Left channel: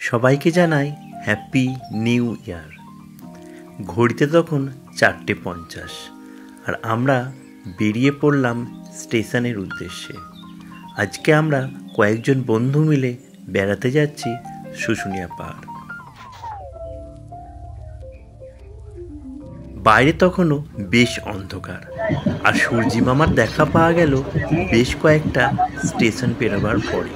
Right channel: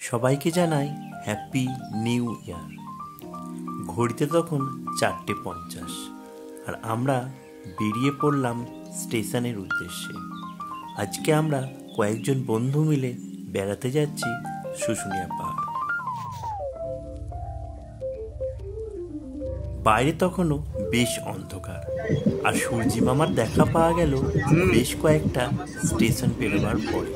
সবাইকে জানাই happy new year. ঘড়িতে তখন 4:50 আর আমরা বেরিয়ে পড়লাম স্টেশনের উদ্দেশ্যে। আজকে আমরা কয়েকজন বন্ধু মিলে বেড়াতে যাচ্ছি শুশুনিয়া পাহাড়। বাইরে তখনও বেশ অন্ধকার আর সূর্যি মামার দেখা পাওয়া গেল বেশ কয়েকটা স্টেশন পেরোবার পরে।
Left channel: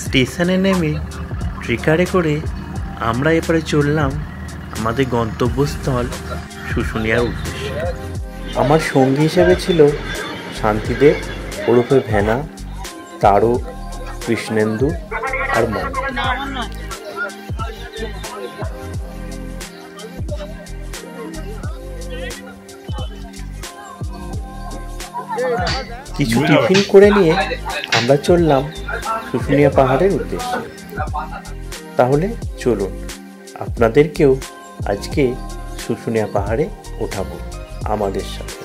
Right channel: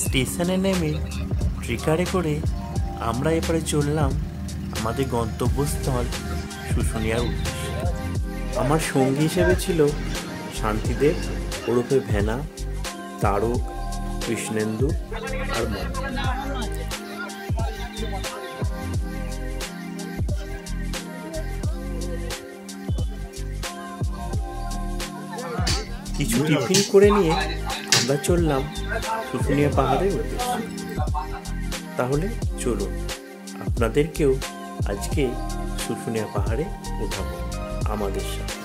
স্টেশনে নেমে ট্রেকারে করে আমরা এবারে চললাম আমাদের গন্তব্যস্থল শুশুনিয়ার উদ্দেশ্যে। আমার সঙ্গী হিসেবে ছিল শান্তিদেব ওরফে ভেনা, তারক, কৃষ্ণেন্দু আর মন। কিছু টিফিন করে নিয়ে আমরা চললাম শুশুনিয়া পাহাড়ের উদ্দেশ্যে। তাহলে চলুন আপনাদেরকেও আজকে শুশুনিয়া পাহাড়ে ওঠাবো আমাদের সাথে।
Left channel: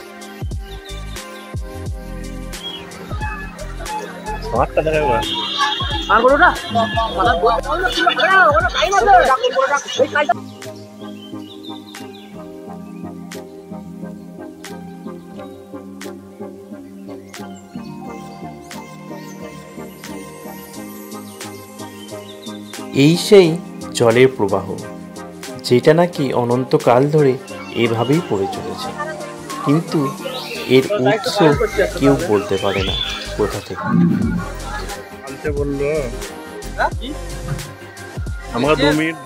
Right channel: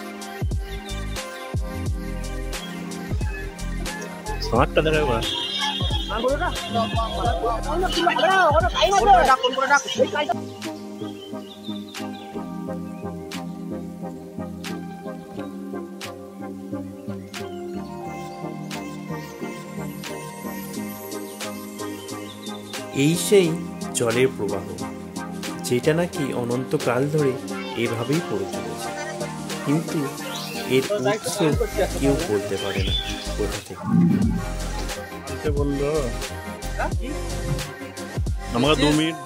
এই সেই জলের প্রবাহ, যেটা নাকি অনন্তকাল ধরে এভাবেই পড়ে চলেছে, কিন্তু এর উৎস কেউ বলতে পারে না কোথা থেকে। আমার 2 মিনিট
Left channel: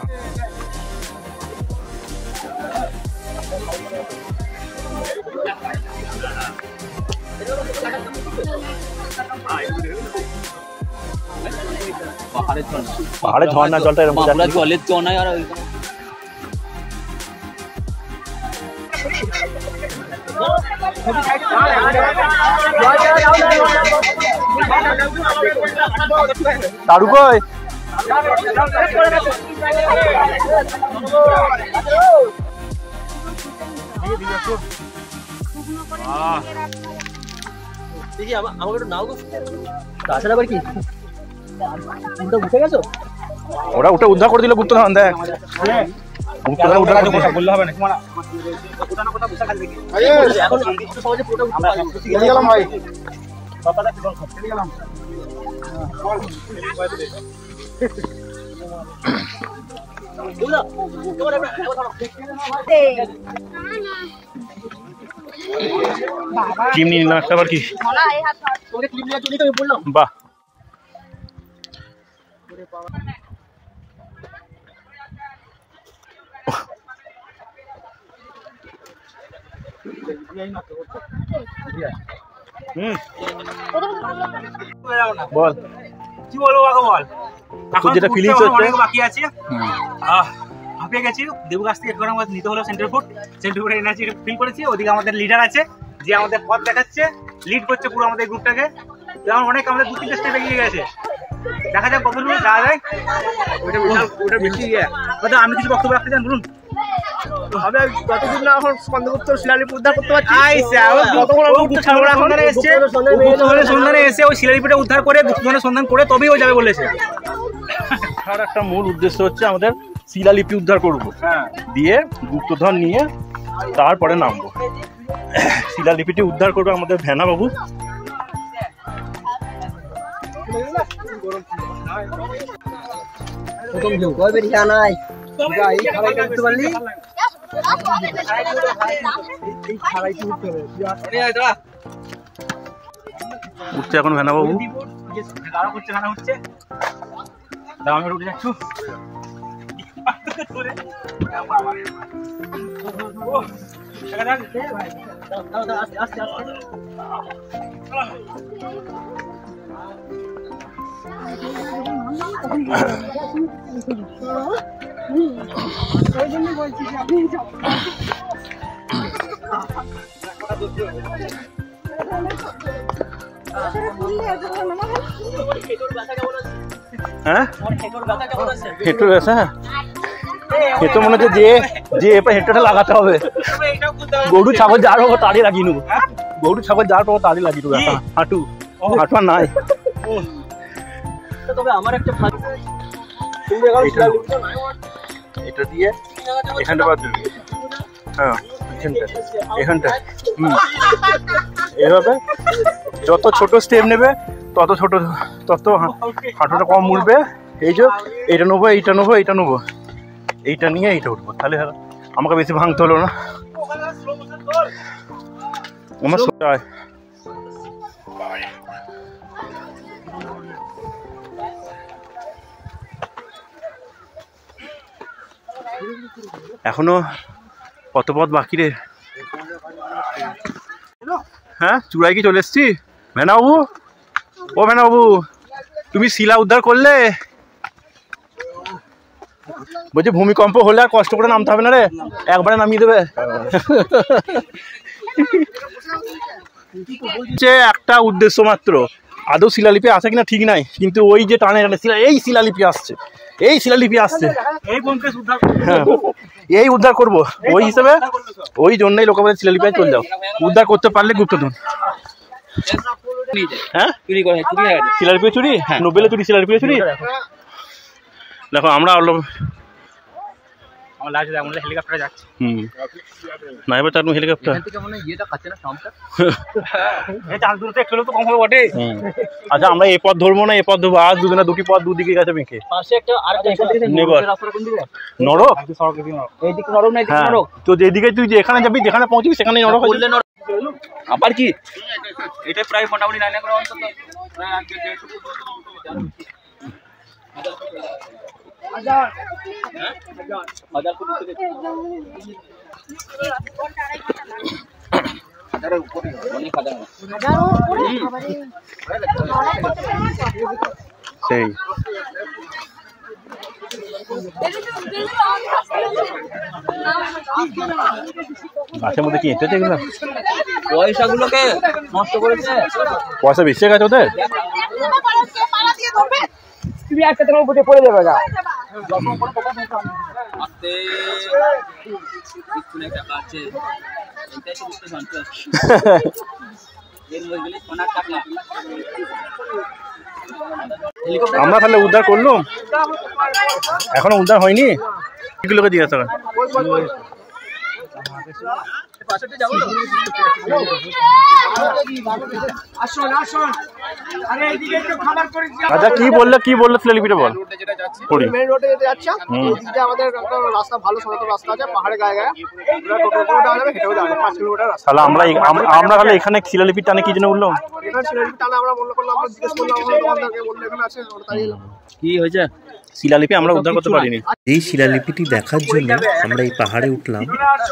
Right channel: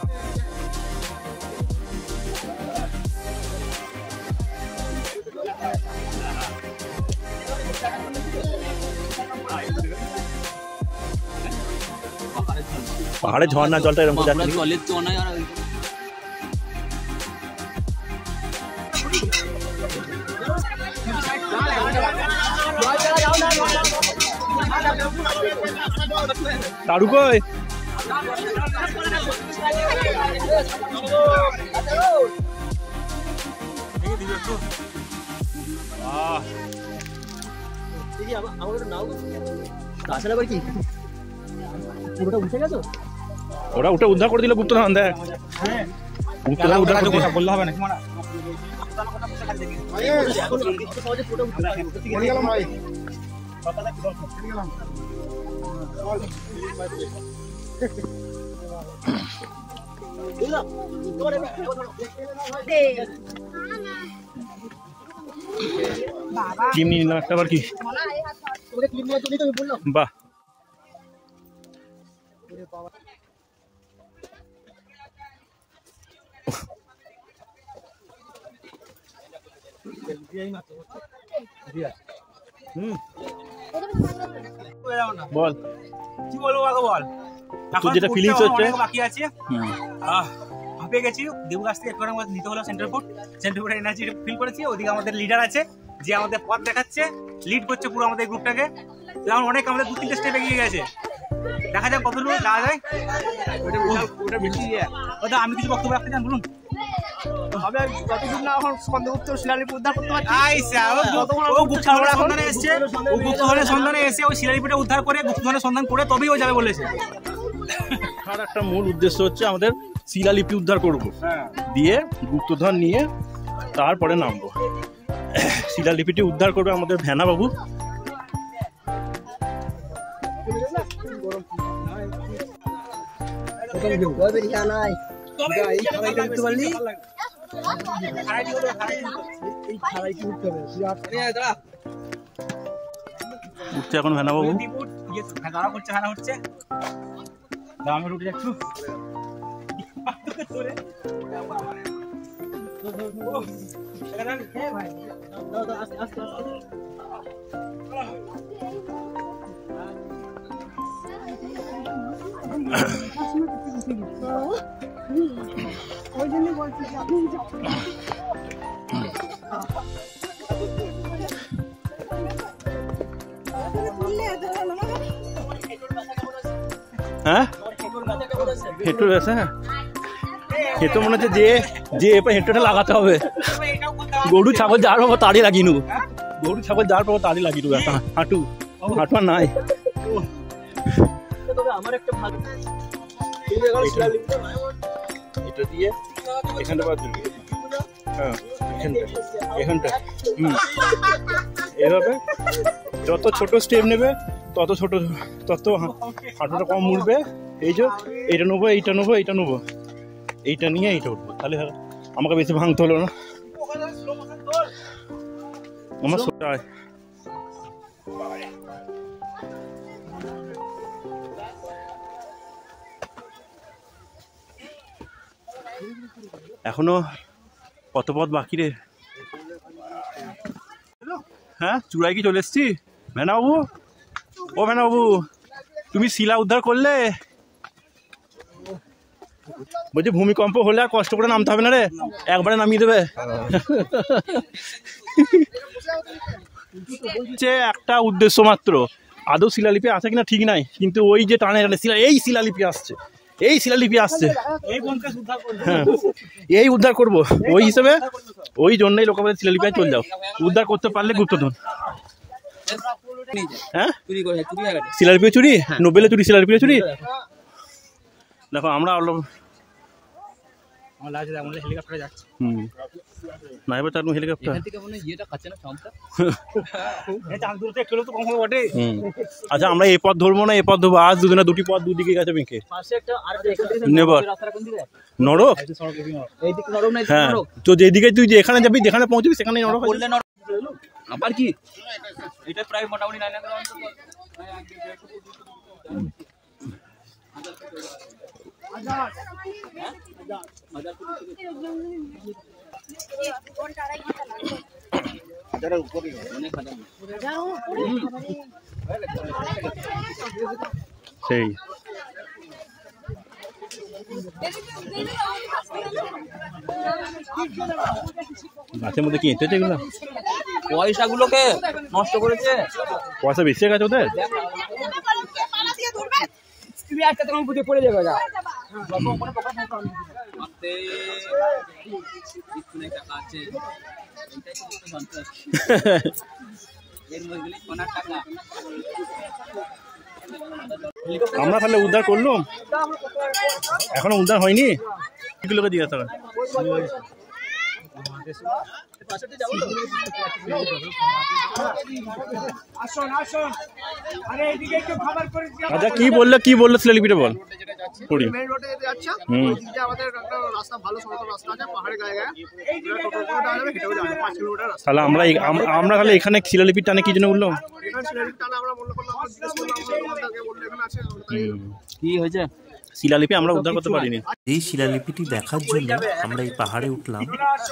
পাহাড়ে ঝর্ণা জলটা এরকম জলের তো না। আর তারু কই ওরা উঠে উদ্ধার করে দিল গুপ্তধন। দেখ বললে হবে না। ক্লিপ নিয়ে নিলাম একটা, আবার কি বাহ। বল কি বলবো কাকা, বল তোর যেটা ফিলিংস হচ্ছে। বাকি আছে, হাঁপিয়ে গেছি। দেবু কাছ থেকে এখন আমাদের নিতে হলো সেন্টার ফুড এনার্জি ফিল করেছি। ওদিকে আমাদের লিডার আছে যে আমাদের পথ দেখাচ্ছে, লিড করছে পুরো আমাদের গ্রুপটাকে। যেমন অনেক আমাদের 2-3 স্টেপ এগিয়ে গেছে। দেখা যাক কত দূর যাওয়া যায়। ওটা বেশি আমি কিছু বক্তব্য রাখতে চান, বলুন। যতদিন না এখন সন্দেহগুপ্ত শিলালিপি উদ্ধার করতে পারছি, সন্ধানে এসে ওই শিলালিপিটা উদ্ধার করে গুপ্তধনের সন্ধান করে তবেই ও যাবে বলেছে। আর একটা মূল উদ্দেশ্য হচ্ছে আমাদের শিলালিপি উদ্ধার করবো, দিয়ে গুপ্তধন নিয়ে তারপরে নামবো। শিলালিপিটি উদ্ধার করবো আমাদের ভেনা বাবু। উঠছে এখন ভেনা বাবু। হচ্ছে আমি উঠে যাচ্ছ। হ্যাঁ হেঁটো ব্যথা, হেঁটো মনে হচ্ছে যে এবার হেঁটোটা লাগাতে হবে। গরু ছাগল যার পাবো তারই লাগিয়ে নেবো, গরু ছাগল যার পাবো তারই লাগিয়ে নেবো। হাঁটু হাঁটু আর নাই। এটা দিয়ে এখানটা বাদ দেবে, হ্যাঁ এখানটা এভাবে যত ছোট স্টেপ নেবে তত হাঁটুটা কম উঠবে। এই যে এইটা নেবো, এইটা নেবো, এইটা নেবো, এইটা নিয়ে এইটা উঠবো, তাহলে আমাকে বেশি ভাঙতে হলো না। আমার এখনো কত পথ বাকি রে। হ্যাঁ চূড়ায় কি চলে এসছি? ভেনাবাবু, ও ভেনাবাবু, তুমি শিলা উদ্ধার করলে? বলছি ভূমিকম্প হলে আর কষ্ট করে নামতে হবে না রে, একবারে নামিয়ে দেবে। একটা উদ্দেশ্য মাত্র, আদৌ শিলালিপি আছে কিনা ঠিক নাই, কিন্তু ওই যে টানে টানে এই শিলালিপি আসছে, এই শিলালিপি আসছে, হ্যাঁ এই উদ্ধার করবো। ওই হিসেবে ওই জন্যই লোক বলে শিলালিপি চলে যাও, উদ্ধার করতে পারলে গুপ্তধন। হ্যাঁ শিলালিপি চুরি, নোবেলে চুরি, শিলালিপি চুরি। দেখো আমরা হেলিকপ্টারে যাচ্ছে। না এবার চার হেলিকপ্টার। আচ্ছা আমরা এ পথ ধরবো না, এ পথ ধরবো। আজ দুদিনে দুটি পথ দুদিকে গেছে বেঁকে। নরক, হ্যাঁ তো যেদিকে তুই যেখানে যাবি, যেখানে পৌঁছবি সেখানে নরক। আবার কি এটা প্রায় মোটামুটি 9 লাখ অন্তত সেই গাছের মধ্যে কি এঁটেছে এগুলো? পয়সাগুলোকে নষ্ট করেছে। পয়সা বেশি গেছে ওদের। পড়ে যাবে গা। আমরা তাহলে উদ্ধার করলাম, এখনো উদ্ধার হয়নি। এগুলোকে দিয়ে আসতে হবে। আচ্ছা কি বললো শিলালিপিটা বল। মেন রোডে যেতে যাচ্ছে, আমাদের রাস্তা ভালো সড়ক রাস্তা আছে, পাহাড়ে গায়ে গায়ে হেঁটেও যাবে 5 কিলোমিটার রাস্তা। তাহলে আমরা তাহলে এখানে শিলালিপির টানে কি জন্য উঠলাম? এখানে শিলালিপি টানে আমরা মনে করলাম, আমরা জিজ্ঞেস করলাম আমাদের দোকানদারকে, বললো এখানে আছে। কি হয়েছে? শিলালিপি আমরা উদ্ধার করতে পারিনি। এই শিলালিপিটি দেখার জন্য আমরা এই পাহাড়ে উঠলাম।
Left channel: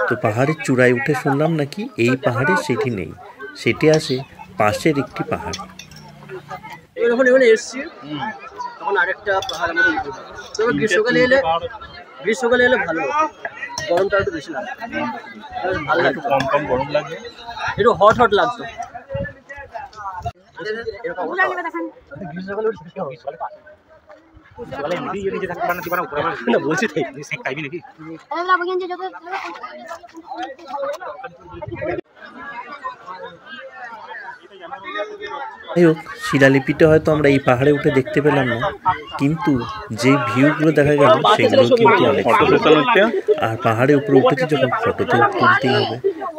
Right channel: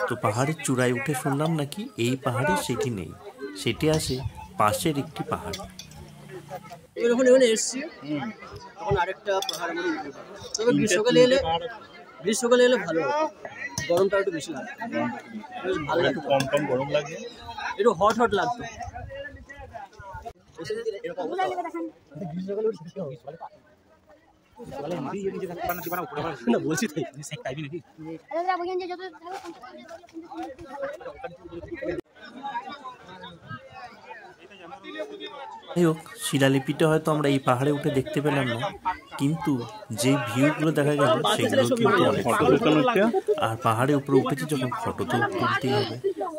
তো পাহাড়ের চূড়ায় উঠে শুনলাম নাকি এই পাহাড়ে সেটি নেই, সেটি আছে পাশের একটি পাহাড়। যখন এখানে এসছি তখন আরেকটা পাহাড় আমরা উঠবো। তবে গ্রীষ্মকালে এলে ভালো, গরমটা একটু বেশি লাগে, ভালো লাগে, কম গরম লাগে, একটু হট লাগতো। বলছি নাকি যাই হোক, শিলালিপিটা হয়তো আমরা এই পাহাড়ে উঠে দেখতে পেলাম না, কিন্তু যে ভিউগুলো দেখা গেল সেগুলো কিন্তু অনেক। আর পাহাড়ে উপরে উঠেছি যখন, ফটো তো তুলতেই হবে,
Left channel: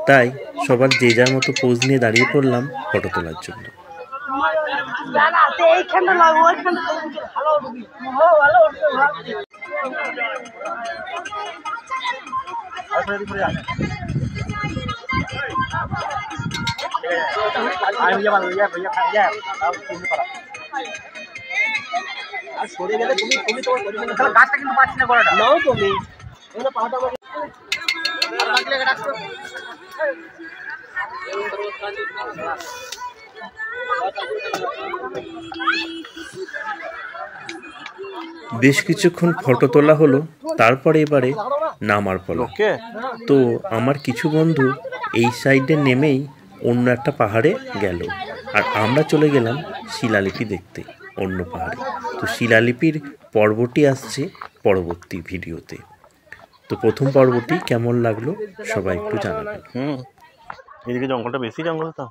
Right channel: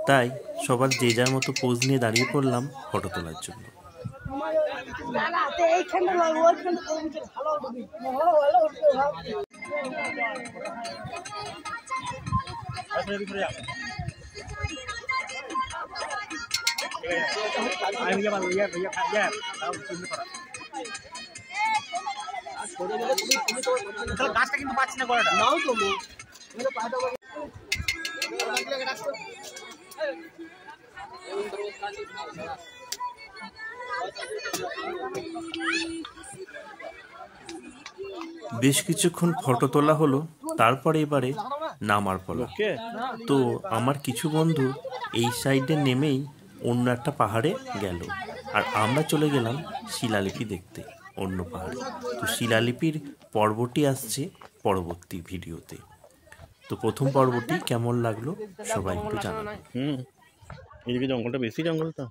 তাই সবার যে যার মতো পোজ নিয়ে দাঁড়িয়ে পড়লাম ফটো তোলার জন্য। গাছটা কিন্তু পাচ্ছি না করাটা। নাও তুমি বেশ কিছুক্ষণ ফটো তোলা হলো, তারপরে এবারে নামার পালা। তো আমার কিছু বন্ধু এই সাইডে নেমেই অন্য একটা পাহাড়ে গেল, আর আমরা চলে গেলাম শিলালিপি দেখতে অন্য পাহাড়ে। তো শিলালিপির পর্বটি আসছে পরবর্তী ভিডিওতে। তো প্রথম পর্বটি কেমন লাগলো সবাই একটু জানাবেন। এদিকে জঙ্গলটা বেশি জঙ্গল তো